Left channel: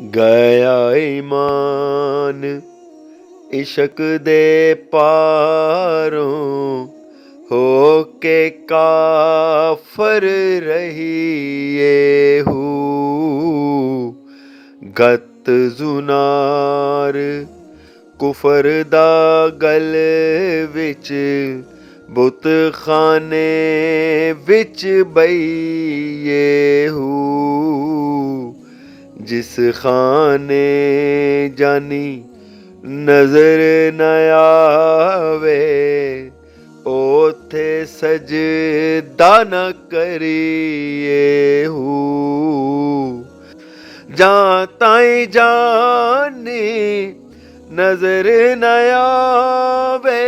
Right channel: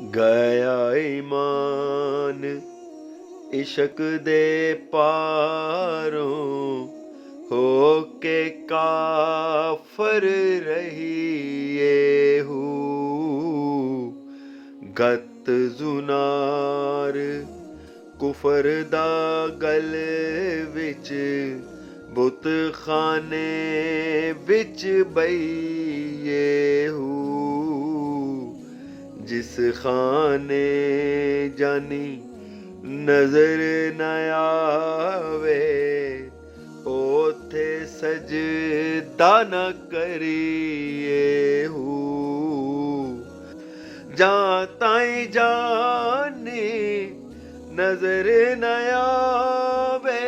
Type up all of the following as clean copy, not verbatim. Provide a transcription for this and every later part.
गया ईमान इश्क दे पारों होके काफर रहिए हूँ गत जुनार कुफर दा गल विच बुत खाने विच बईए हूँ जिस खाने जानी नजर न आवे ओथे सजदा न करिए हूँ जां ताई जाने नजर न आवे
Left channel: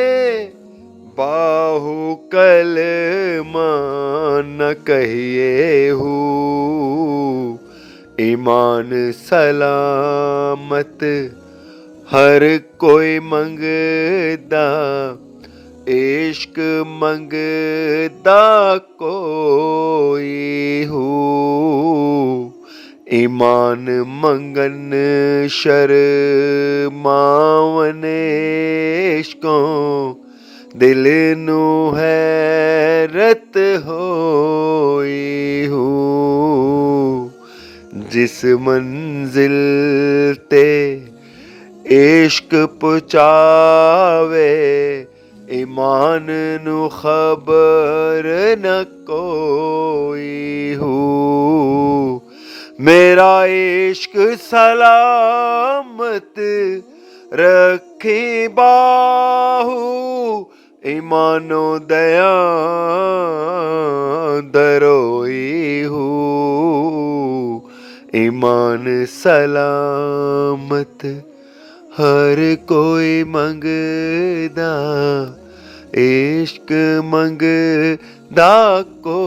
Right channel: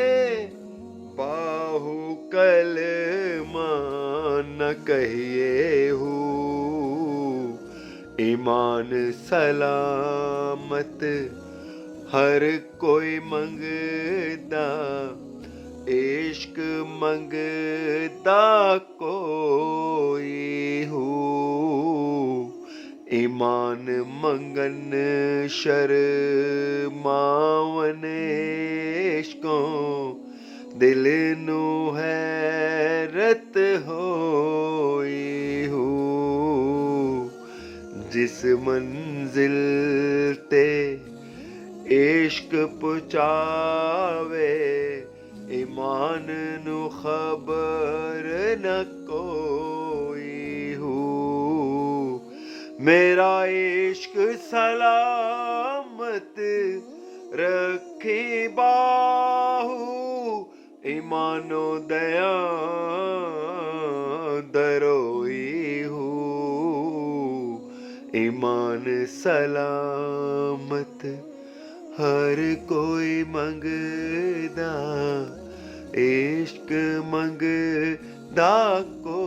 बाहु कलमा न कहिए हूँ ईमान सलामत हर कोई मंगदा इश्क मंगदा कोई हूँ ईमान मंगन शर्मावन इश्कों दिल नू हैरत होई हूँ जिस मंजिल ते इश्क पुचावे ईमान नू खबर न कोई हूँ मेरा इश्क सलामत रखी बाहू ईमानो दया दरोई हूँ ईमान सलामत हर कोई मंगदा इश्क मंगदा को